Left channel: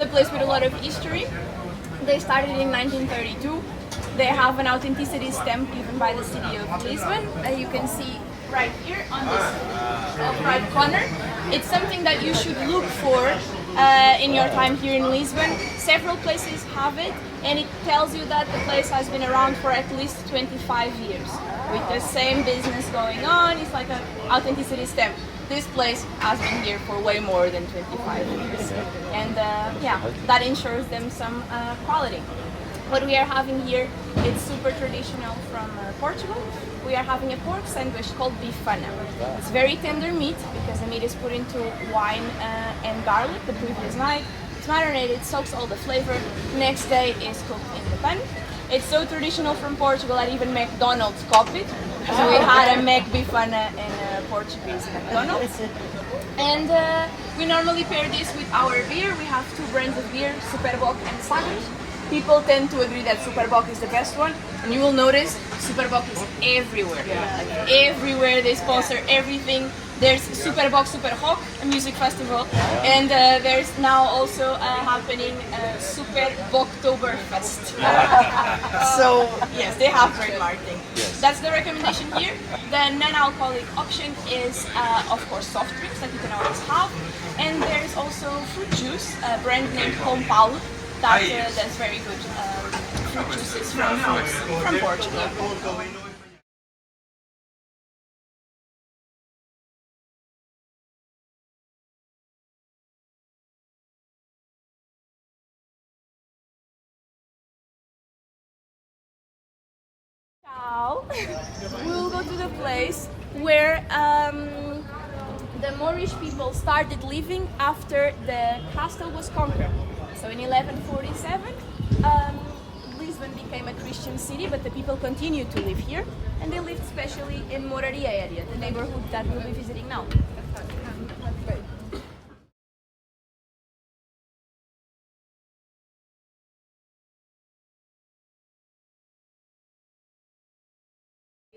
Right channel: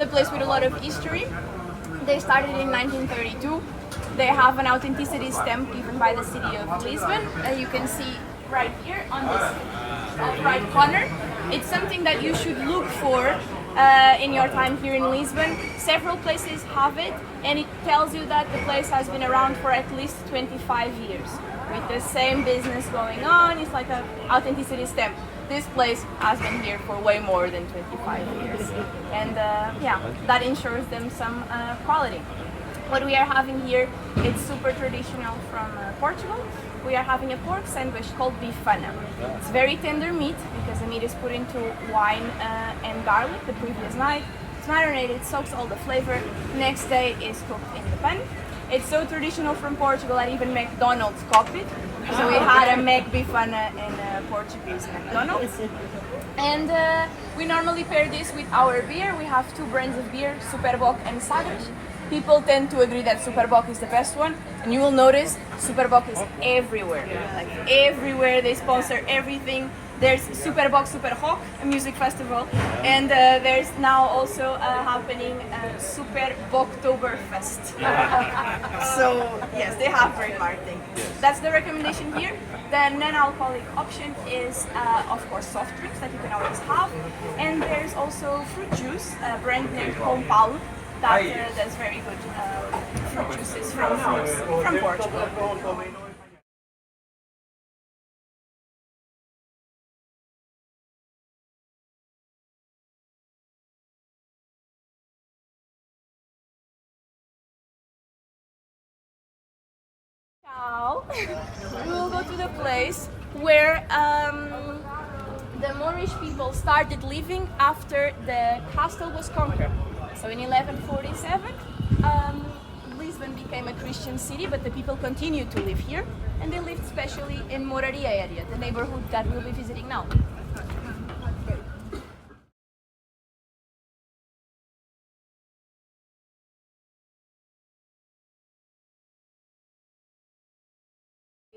A place with a lot of history. They started in 1932. They have an authenticity stamp given by the city of Lisbon. You can see right here on this right corner. It's something that you should look for in your time here in Lisbon. Several places have it, and it tells you that the place has been around for at least 25 years with the same business going on. It's like an authenticity stamp. This place has been here for way more than 25 years, and yeah, that ensures them some quality. What we are having here, it's super traditional from Portugal. We are having a pork sandwich called bifana. It's very tender meat because the meat is put into wine and garlic the previous night. It's marinated, soaks all the flavor. Next day is cooked in the pan. It's so traditional from Portugal that even McDonald's copied. So we had a Mac bifana in Portuguese McDonald's. And we normally pair this with our beer. We have two brands of beer, Superboc and Sagres. People tend to agree that Superboc is the best one, and you will notice Superboc is everywhere. Like everywhere, they sponsor everything. There's Superboc Super Rock, a music festival, and there's now also happening Super Boktoberfest. So yes, they have great marketing. That's the recommendation here. The non-alcoholic option is, of course, soft drinks that you can always have, and there's also fruit juice, a brand named Home Paulo. That's very good fruit juices from fruits from Portugal. Now we will go to the place where the Moorish people started living after the castle was conquered. So in 1147, Lisbon became a Christian city, but the people continued to live here, and they lived especially in Moraria area, the neighborhood that we'll be visiting now.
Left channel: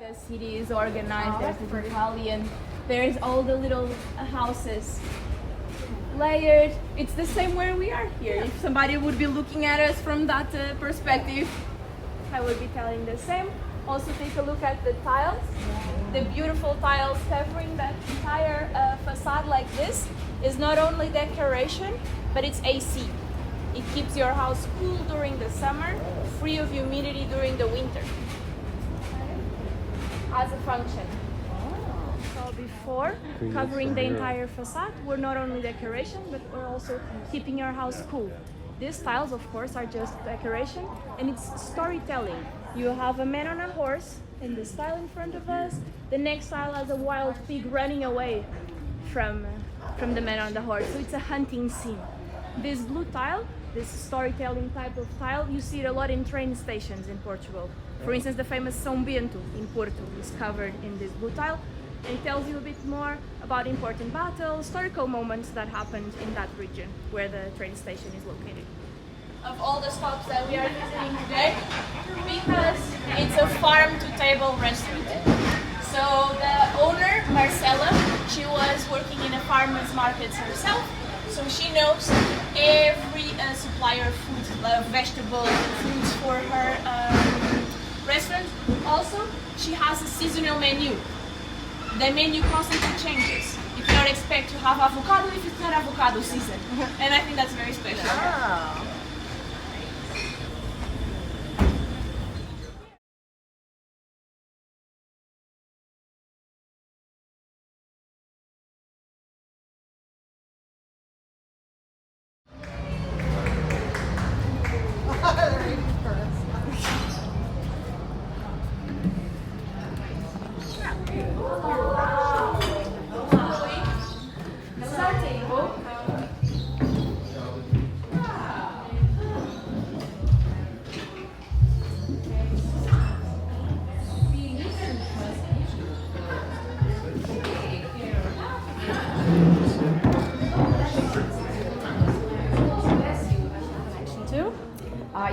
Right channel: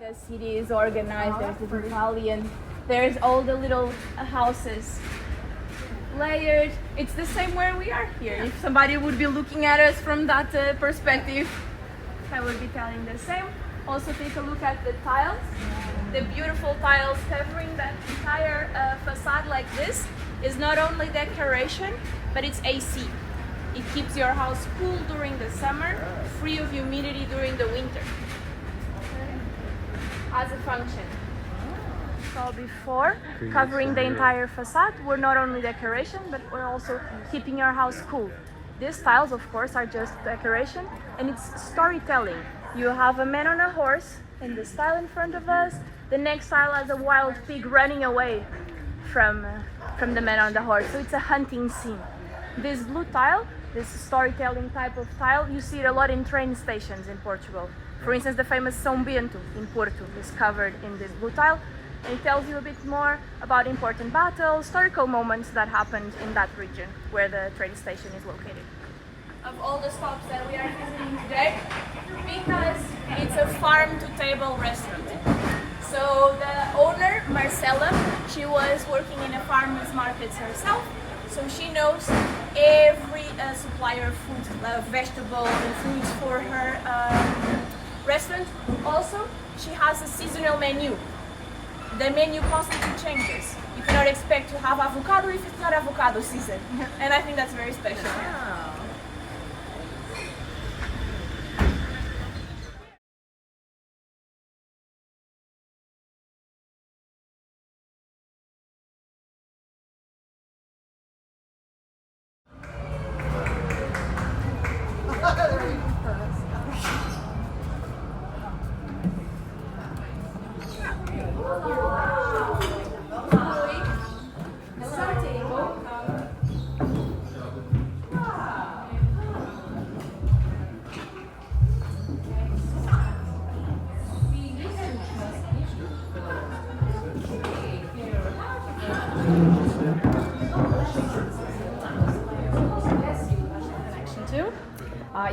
The city is organized, there's the Italian, there's all the little houses layered. It's the same where we are here. If somebody would be looking at us from that perspective, I would be telling the same. Also take a look at the tiles, the beautiful tiles covering that entire facade like this is not only decoration, but it's AC. It keeps your house cool during the summer, free of humidity during the winter. As a function. Before, covering the entire facade, we're not only decoration, but we're also keeping your house cool. These tiles, of course, are just decoration, and it's storytelling. You have a man on a horse in this tile in front of us. The next tile has a wild pig running away from the man on the horse, so it's a hunting scene. This blue tile, this storytelling type of tile, you see it a lot in train stations in Portugal. For instance, the famous São Bento in Porto is covered in this blue tile. It tells you a bit more about important battles, historical moments that happened in that region where the train station is located. Of all the stops that we are visiting today, because it's a farm-to-table restaurant. So the owner, Marcela, she was working in a farmer's market herself, so she knows every supplier of food, vegetables and fruits for her restaurant. Also, she has a seasonal menu. The menu constantly changes. You cannot expect to have avocado if it's not avocado season. And I think that's very special. Oh.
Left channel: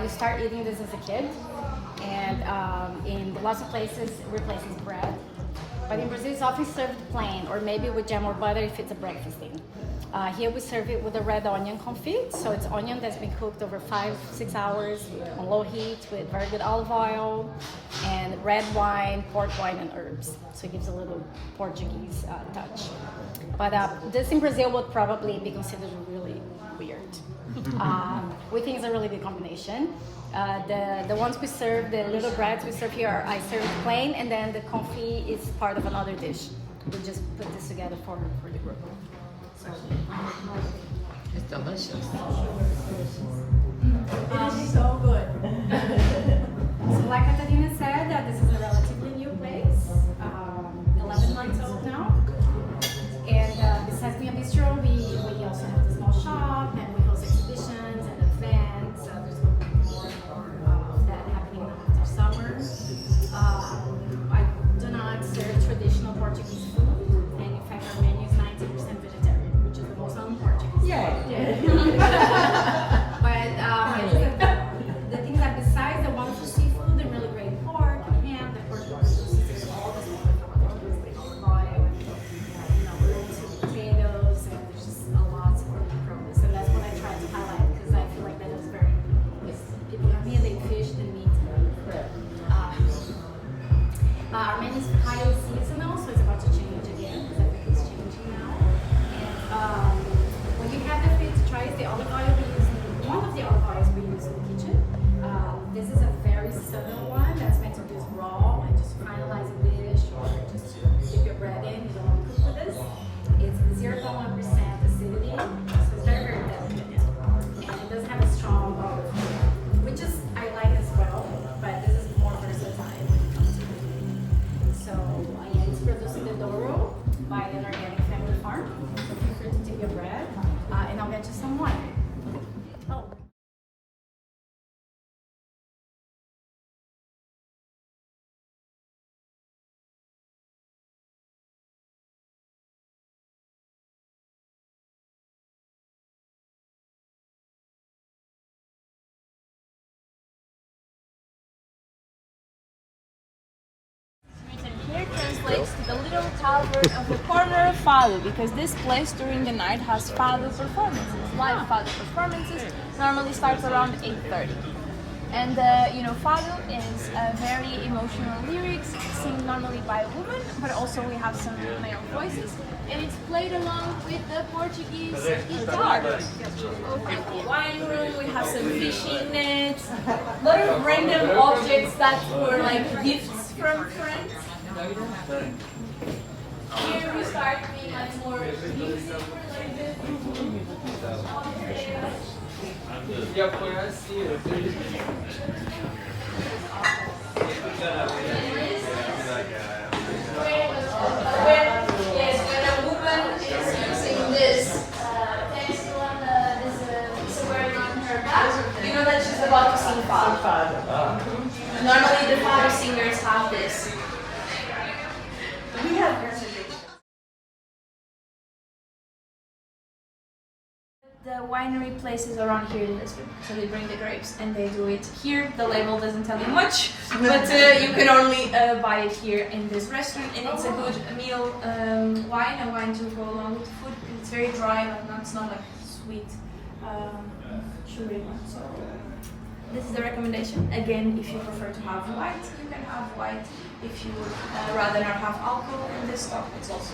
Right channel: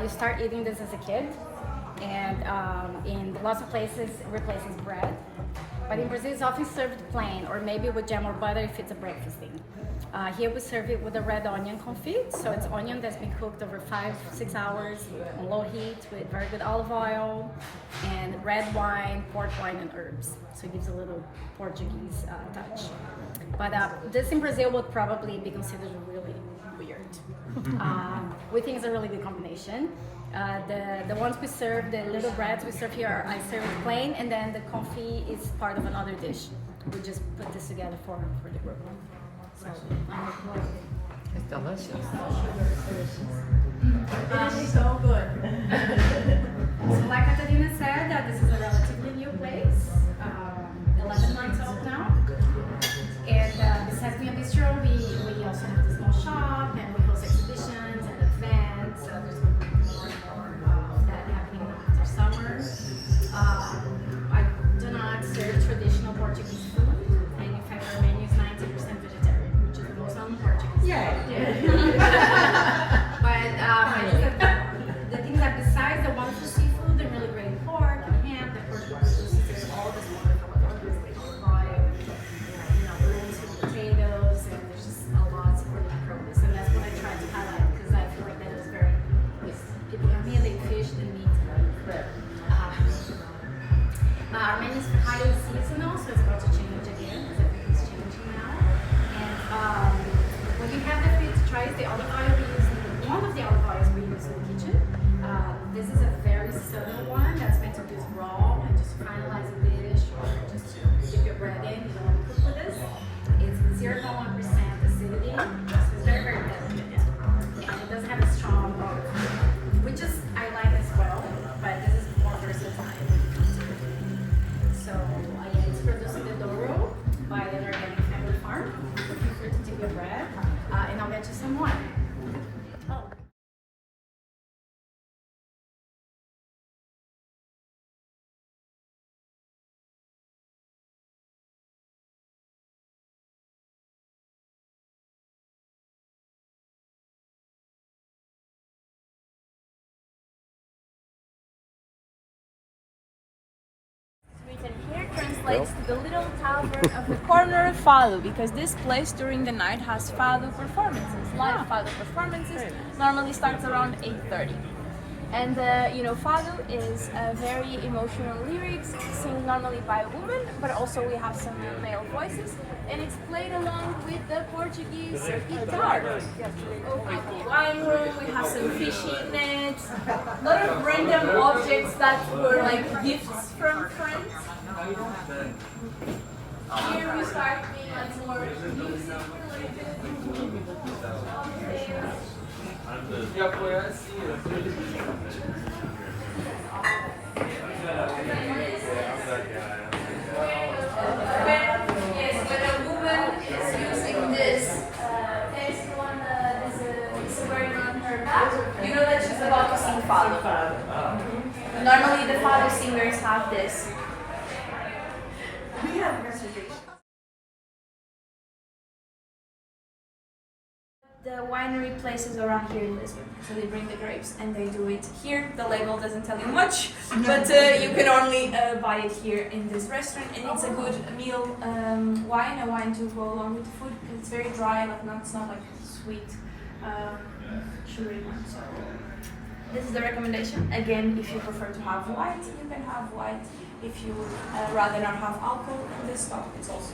You start eating this as a kid, and in lots of places it replaces bread. But in Brazil, it's often served plain, or maybe with jam or butter if it's a breakfast thing. Here we serve it with a red onion confit. So it's onion that's been cooked over 5-6 hours on low heat with very good olive oil and red wine, port wine, and herbs. So it gives a little Portuguese touch. But this in Brazil would probably be considered really weird. We think it's a really good combination. The ones we serve, the little breads we serve here, I serve plain, and then the confit is part of another dish. We just put this together for the group. So, It's delicious. it is so good. So like Catarina said, this is a relatively new place, 11 months old now. And besides being a bistro, we also have the small shop, and we host exhibitions and events. There's going to be more and more of that happening after summer. I do not serve traditional Portuguese food, and in fact our menu is 90% vegetarian, which is the most un-Portuguese. But the things that besides the wonderful seafood, the really great pork and ham, the Portugal produces all this wonderful oils like olive oil, and potatoes, and there's just a lot of really produce, and that's what I try to highlight because I feel like that is very. People really fish and meat. Our menu is highly seasonal, so it's about to change again because everything's changing now. And when you have the fish, try the olive oil we use. One of the olive oils we use in the kitchen. This is a very subtle one that's meant to be raw and just finalize a dish or just to dip your bread in. You don't want to cook with this. It's 0.1% acidity, so it's very, very delicate. And it doesn't have a strong olive flavor, which is I like as well, but this is more versatile when it comes to it. So it's produced in the Douro by an organic family farm. So feel free to dip your bread, and I'll get you some wine. Oh. Written here translates to the little tavern of the corner of Fado, because this place during the night has Fado performances, live Fado performances. Normally starts around 8:30. And Fado is very emotional lyrics, sung normally by a woman, but also we have some male voices, and it's played along with the Portuguese guitar. At the wine room, we have some fishing nets, a lot of random objects that were like gifts from friends. Here we start being more music related. When a woman is using this textile on is wearing on her back, you know that she's about to sing Fado. Normally the Fado singers have this. We have reservations. The winery places around here in Lisbon. So they bring the grapes and they do it here. The label doesn't tell you much, but you can only buy it here in this restaurant, and it's a good meal wine, a wine to go along with the food. It's very dry, it's not like sweet, sugary wine. So this is the recommendation. Again, if you prefer to have white, you can have white. If you would rather not have alcohol in this stuff, it's also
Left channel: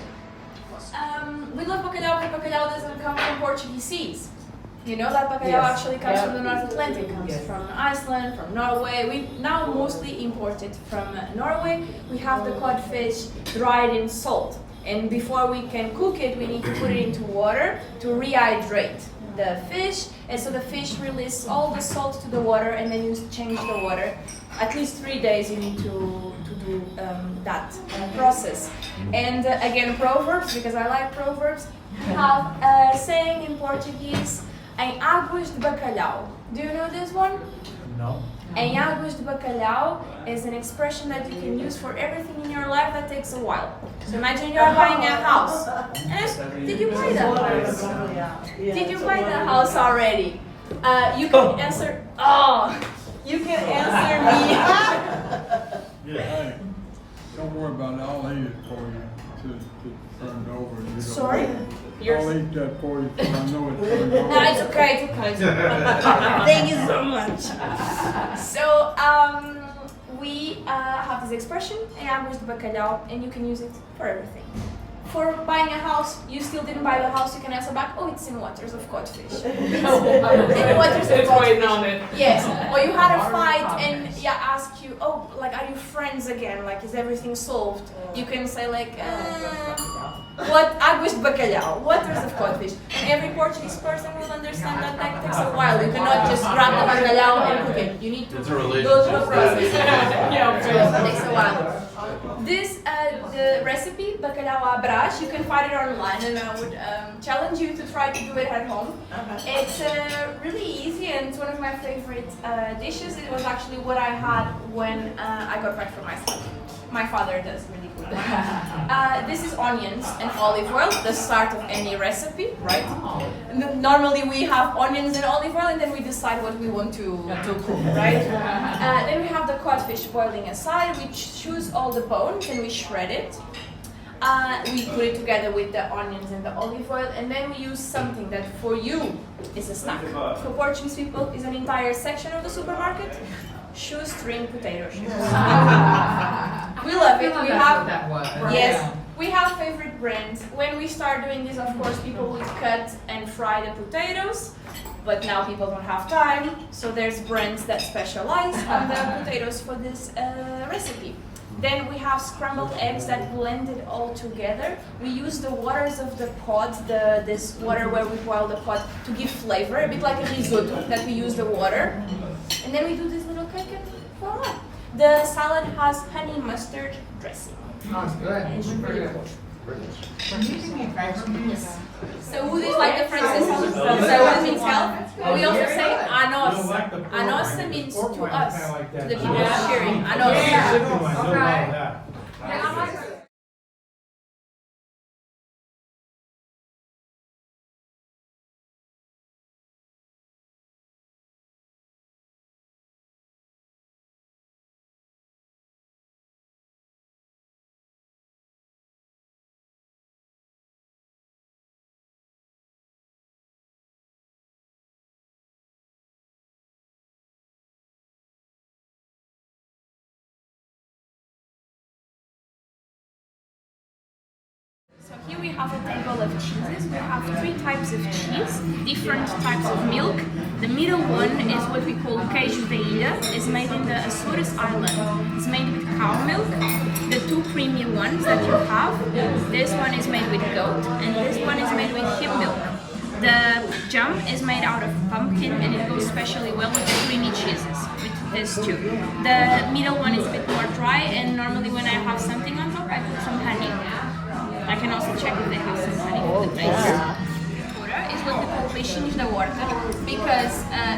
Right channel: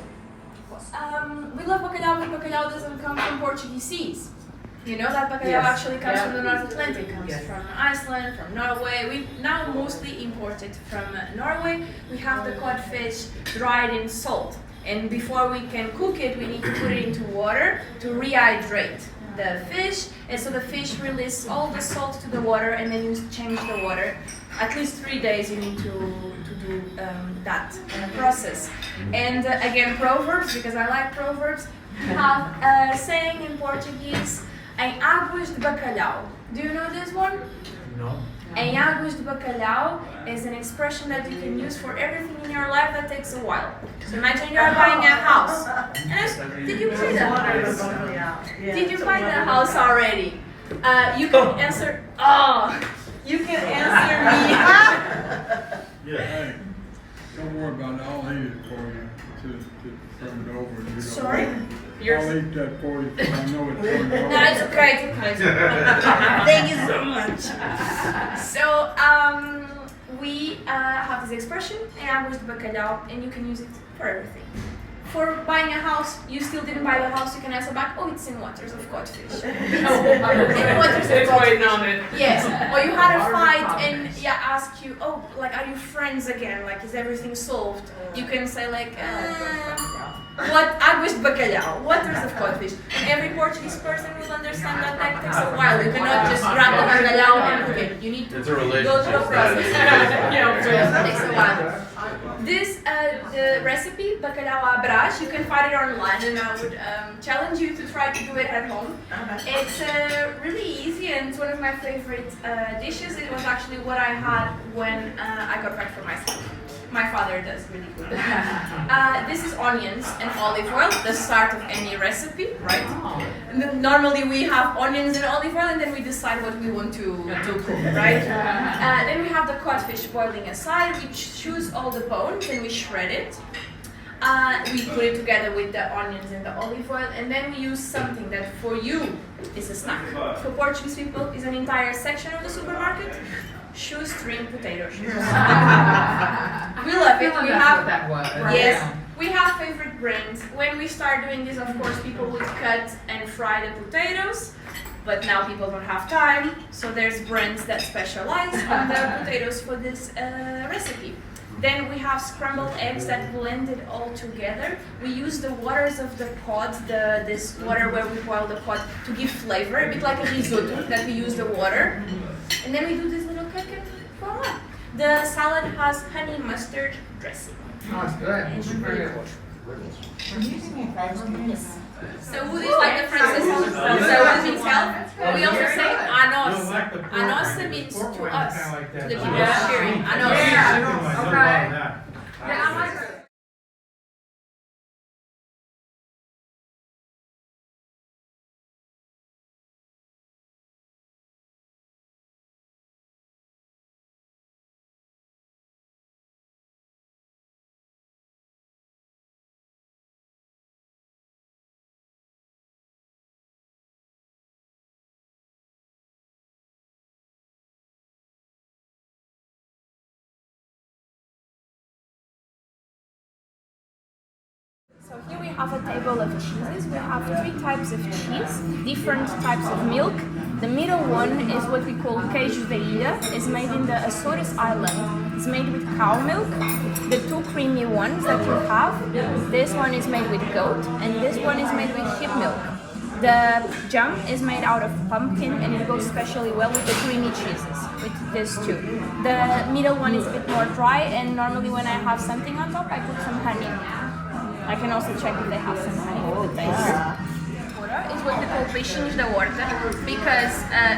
possible. We love bacalhau, but bacalhau doesn't come from Portuguese seas. You know that bacalhau actually comes from the North Atlantic, comes from Iceland, from Norway. We now mostly import it from Norway. We have the codfish dried in salt, and before we can cook it, we need to put it into water to rehydrate the fish, and so the fish releases all the salt to the water, and then you change the water. At least 3 days you need to do that process. And again, proverbs, because I like proverbs, have a saying in Portuguese, em águas de bacalhau. Do you know this one? No. Em águas de bacalhau is an expression that you can use for everything in your life that takes a while. So imagine you're buying a house. Did you buy the house? Did you buy the house already? You can answer, you can answer me. Don't worry about it, I'll eat it for you to turn it over. You don't Sorry? worry. I'll eat that for you, 'cause I know it's turned over. No, it's okay, it's okay. Thank you so much. So, we have this expression, águas de bacalhau, and you can use it for everything. For buying a house, you still didn't buy the house, you can answer back, oh, it's in waters of codfish. In waters of codfish. Yes. Or you had a fight and ask you, oh, like, are you friends again? Like, is everything solved? You can say like, what águas de bacalhau, waters of codfish. And every Portuguese person will understand that that takes a while. You cannot just grab the bacalhau and cook it. You need to go through a process. It takes a while. This the recipe, bacalhau à Brás, you can find it online, and I would challenge you to try to do it at home. It's really easy, and it's one of my favorite dishes. It was actually what I had when I got back from my school. My father does really good. This is onions and olive oil, the start of any recipe, right? And then normally we have onions and olive oil, and then we decide what we want to cook, right? Then we have the codfish boiling aside. We choose all the bones and we shred it. We put it together with the onions and the olive oil, and then we use something that for you is a snack. For Portuguese people is an entire section of the supermarket. Shoestring potato chips. We love it. We have we have favorite brands. When we start doing this, of course, people would cut and fry the potatoes, but now people don't have time, so there's brands that specialize on the potatoes for this recipe. Then we have scrambled eggs that blended all together. We use the waters of the pot, this water where we boil the pot, to give flavor, a bit like a risotto, that we use the water. And then we do this little cake and voila. The salad has honey mustard dressing. That's good. It's really good. Saúde is like the Francis salad. Saúde means health. But we also say a nossa. A nossa means to us, to the people cheering. A nossa. So here we have a table of cheeses. We have 3 types of cheese, different types of milk. The middle one is what we call queijo de ilha. It's made in the Azores Island. It's made with cow milk. The 2 creamy ones that you have, this one is made with goat, and this one is made with hip milk. The jam is made out of pumpkin, and it goes especially well with the creamy cheeses, with this too. The middle one is a bit more dry, and normally when I have something on top, I put some honey. I can also check if they have some honey for the taste. Is what we call peixinhos da horta, because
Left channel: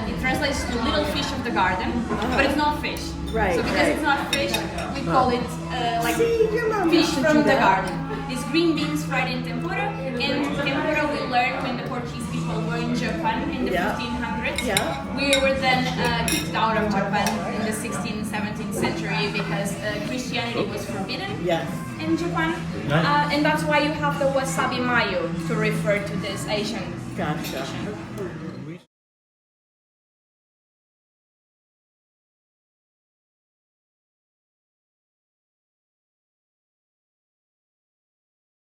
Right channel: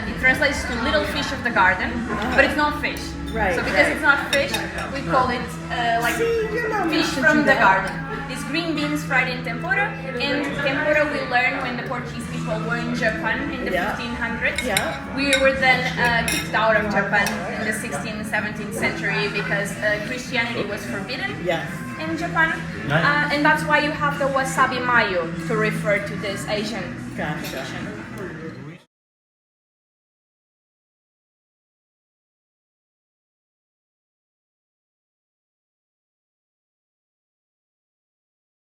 it translates to little fish of the garden, but it's not fish. Right. So because it's not fish, we call it like fish from the garden. These green beans fried in tempura, and tempura we learned when the Portuguese people were in Japan in the 1500s. Yeah. We were then kicked out of Japan in the 16th, 17th century because Christianity was forbidden. Yes. In Japan, and that's why you have the wasabi mayo to refer to this Asian. Gotcha.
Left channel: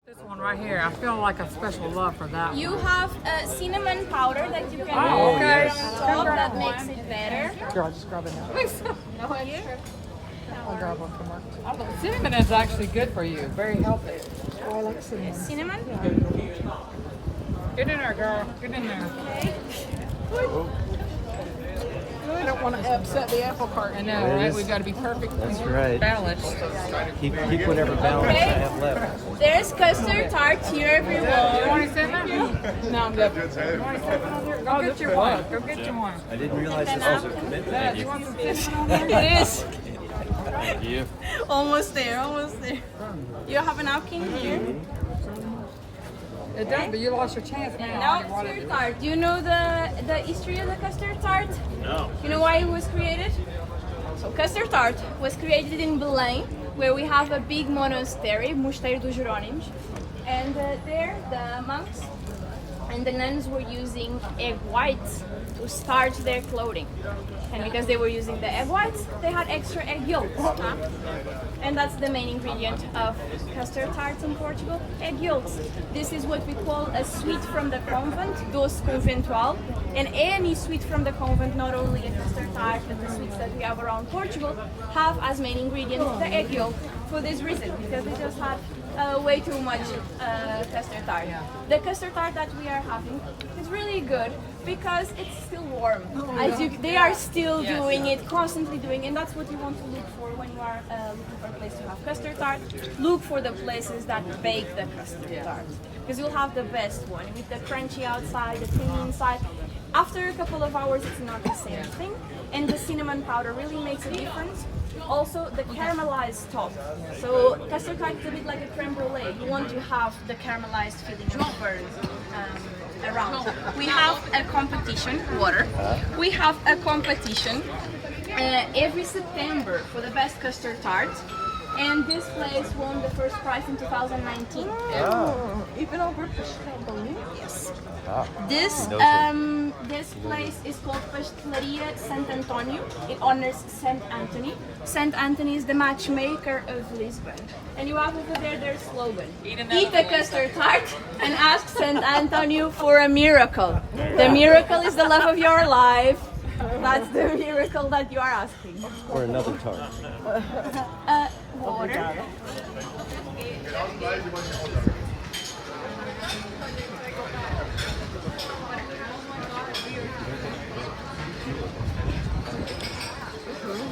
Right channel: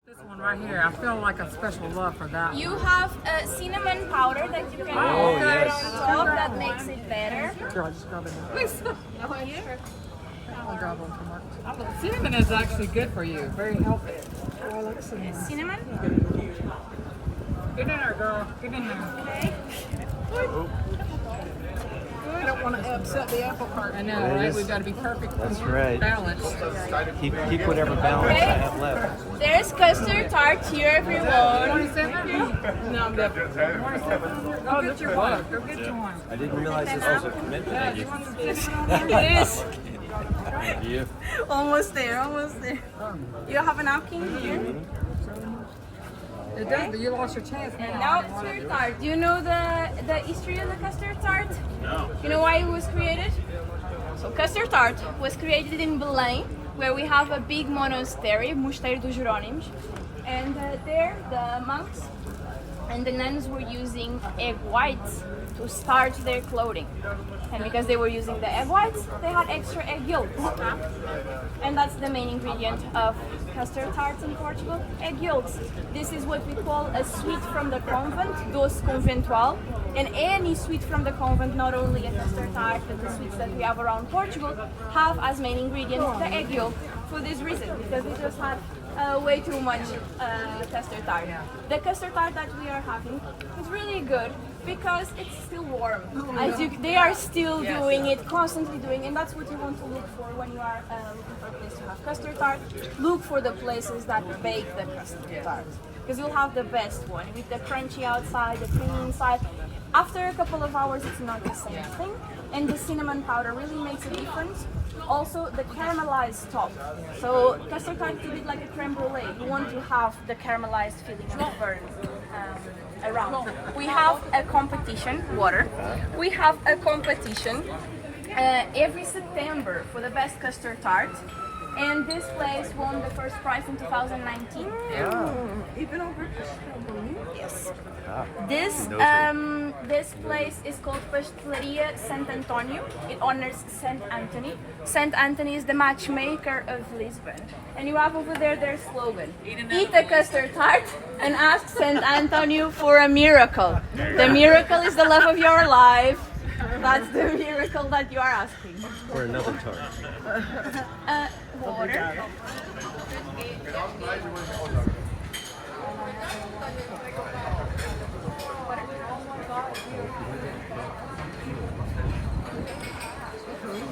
This one right here, I feel like a special love for that. You have cinnamon powder that you can put on top that makes it better. Girl, just grab it now. I'll grab one from her. Cinnamon is actually good for you. Very healthy. Oh, I like cinnamon. Cinnamon? Get in there, girl. Get in there. Okay. I don't want to upset the apple cart. I know, right? We've got to be perfect. That's right. Balanced. Keep whatever balance I have left. There's custard tart here, everyone. 27? No, I'm definitely. 27? Go get your one. Go get your one. I didn't realize this was a commitment. Yeah, do you want some cinnamon on there? It is. Thank you. Almost there, almost there. You have a napkin here? It does, but you lost your chance. Now custard tart. Do you know the history of the custard tart? No. You know why it was created? So custard tart was created in Belém where we have a big monastery, Mosteiro dos Jerónimos, and there the monks and the nuns were using egg whites to starch their clothing. And because they were using the egg whites, they had extra egg yolks. And that's the main ingredient of custard tarts in Portugal, egg yolks. This is what we call a sweet from the convent, doce conventual. And any sweet from the convent, not only a custard tart, but the sweets that we have around Portugal, have as main ingredient the egg yolk for this reason, because they just have way too much custard tart. The custard tart that we are having is really good because it's still warm. They are still doing it, constantly doing, and that's what you want to look for when you are looking for a place to have custard tart. Look for the places that bake the custard tart, because you'll have the best one with the crunchy outside, the creamy inside. After a couple of hours, it's not the same thing, and the cinnamon powder really makes a difference. Also, the caramelized top. So custard tart is a bit like a creme brulee. You want to have the caramelized feeling of the burns around. We have a competition, water. We have a competition every September for the best custard tart. And this place won the first prize in 2019. Even over. Yes. This place is called Pastelaria Sant Antonio. It honors Saint Anthony. Saint Anthony is the matchmaker of Lisbon. And you have over there their slogan: eat a custard tart and ask Saint Antonio for a miracle. The miracle is the love of your life. That's the miracle that you are asking. Or another tart. Water.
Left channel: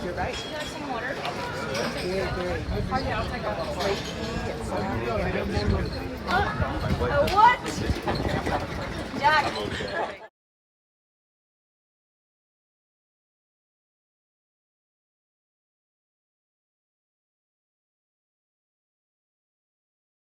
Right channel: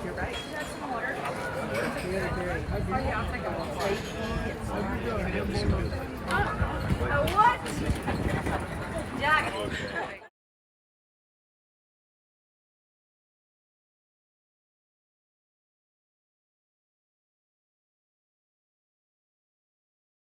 You're right. You have some water. I'll take a What?